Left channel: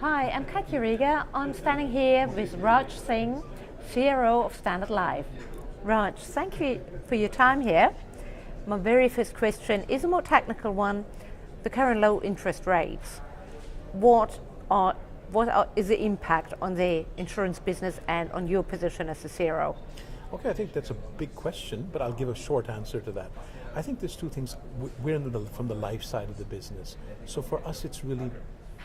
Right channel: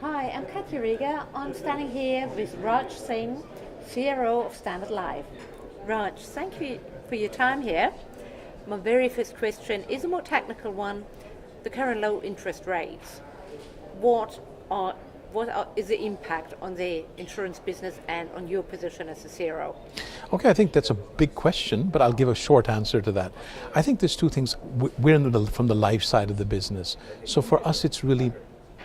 Hi, I'm Katja Rieger. I'm standing here with Raj Singh, CRO of Standard Life. Raj, thank you for your time here. My very first question is a more technical one. The current low interest rates. Is the impact on the insurance business and on your position as a CRO? Okay, I think that's a big question, but I'll give a short answer to that. I think there's two things. We're from the life side of the business. So for us, it's really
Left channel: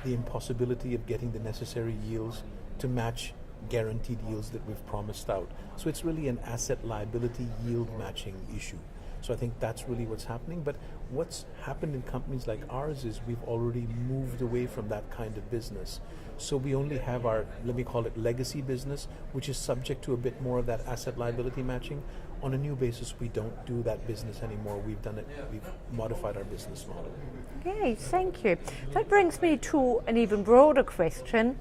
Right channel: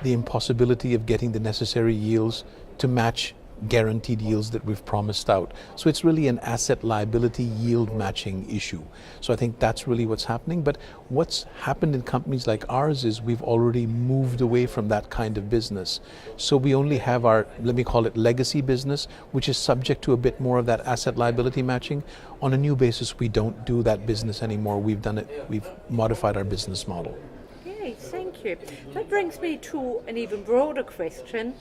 the impossibility of getting the necessary yields to match guaranteed yields that we've promised out. So it's really an asset liability yield matching issue. So I think that's really what's happening. But what's happened in companies like ours is we've already moved away from that kind of business. So we only have our, let me call it legacy business, which is subject to a bit more of that asset liability matching. On a new basis, we don't do that business anymore. We've modified our business model. Okay, thank you. That brings me to an even broader question.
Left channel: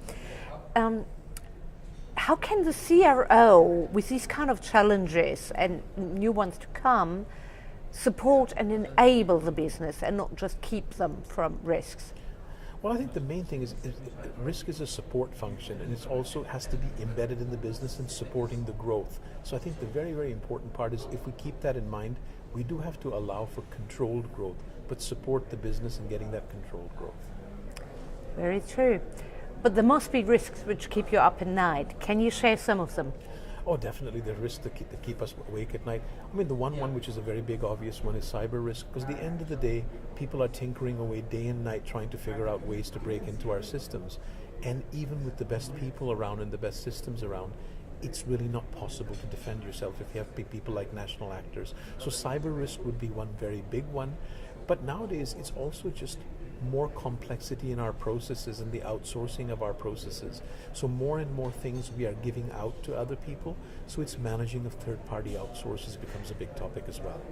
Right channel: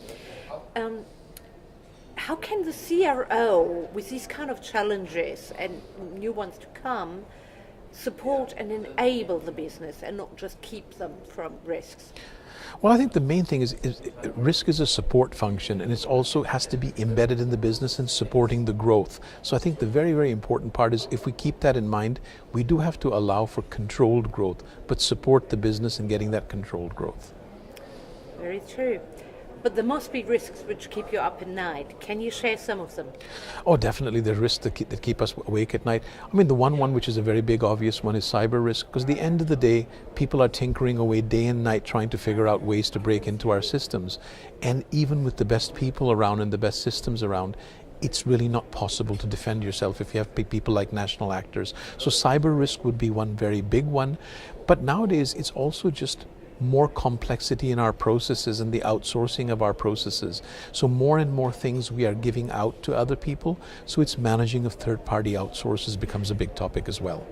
How can the CRO, with these kind of challenges and new ones to come, support and enable the business and not just keep them from risks? Well, I think the main thing is risk is a support function, and it also has to be embedded in the business and supporting the growth. So I think the very, very important part is if we keep that in mind, we do have to allow for controlled growth, but support the business in getting that controlled growth. Very true. But there must be risks which keep you up at night. Can you share some of them? Oh, definitely. There are risks that keep us awake at night. I mean, the one which is a very big obvious one is cyber risk, because at the end of the day, people are tinkering away day and night trying to figure out ways to break into our systems. And even with the best people around and the best systems around, it's really not possible to defend yourself if you have people like national actors. So cyber risk would be one very big one. But nowadays, it's also just more complexity in our processes and the outsourcing of our processes. So more and more things we are giving out to other people. So it's managing of third-party outsources becomes a big topic as well.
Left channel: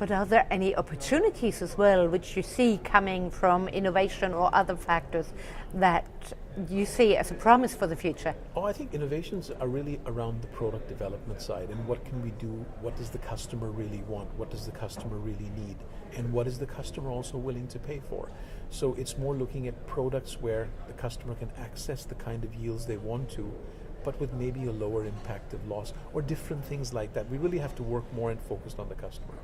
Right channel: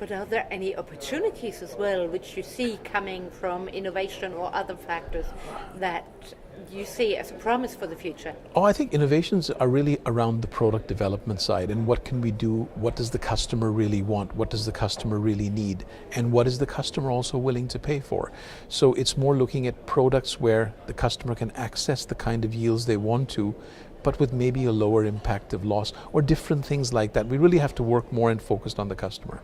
But are there any opportunities as well which you see coming from innovation or other factors that you see as a promise for the future? Oh, I think innovations are really around the product development side and what can we do, what does the customer really want, what does the customer really need, and what is the customer also willing to pay for. So it's more looking at products where the customer can access the kind of yields they want to, but with maybe a lower impact of loss or different things like that. We really have to work more and focused on the customer.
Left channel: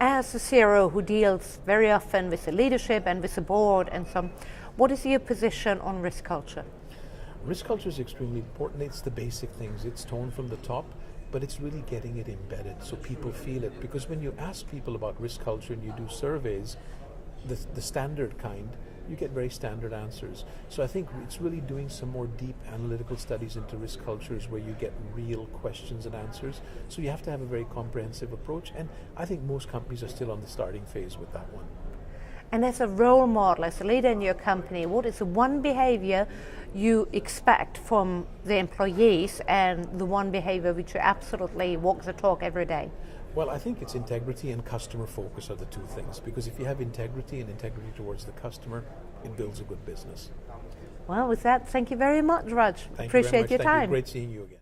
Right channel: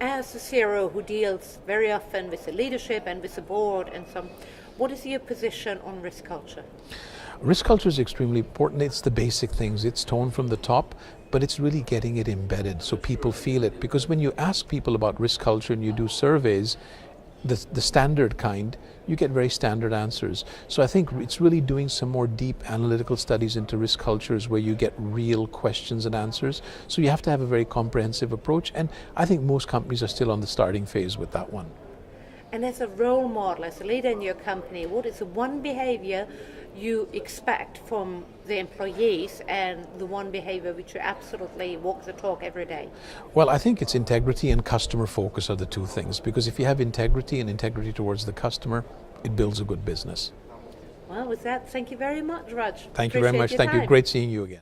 As a CRO who deals very often with the leadership and with the board and some, what is your position on risk culture? Risk culture is extremely important. It's the basic things. It's toned from the top, but it's really getting it embedded so people feel it. Because when you ask people about risk culture and you do surveys, the standard kind, you get very standard answers. So I think it's really doing some more deep analytical studies into risk cultures where you get real questions and answers. So you have to have a very comprehensive approach, and I think most companies are still on the starting phase with that one. And as a role model, as a leader in your company, what is the one behavior you expect from the employees and the one behavior which you absolutely walk the talk every day? Well, I think it's integrity and customer focus are the two things, because if you have integrity and integrity towards the customer, it builds a good business. Well, with that, thank you very much, Raj. Thank you very much. Thank you. Great seeing you again.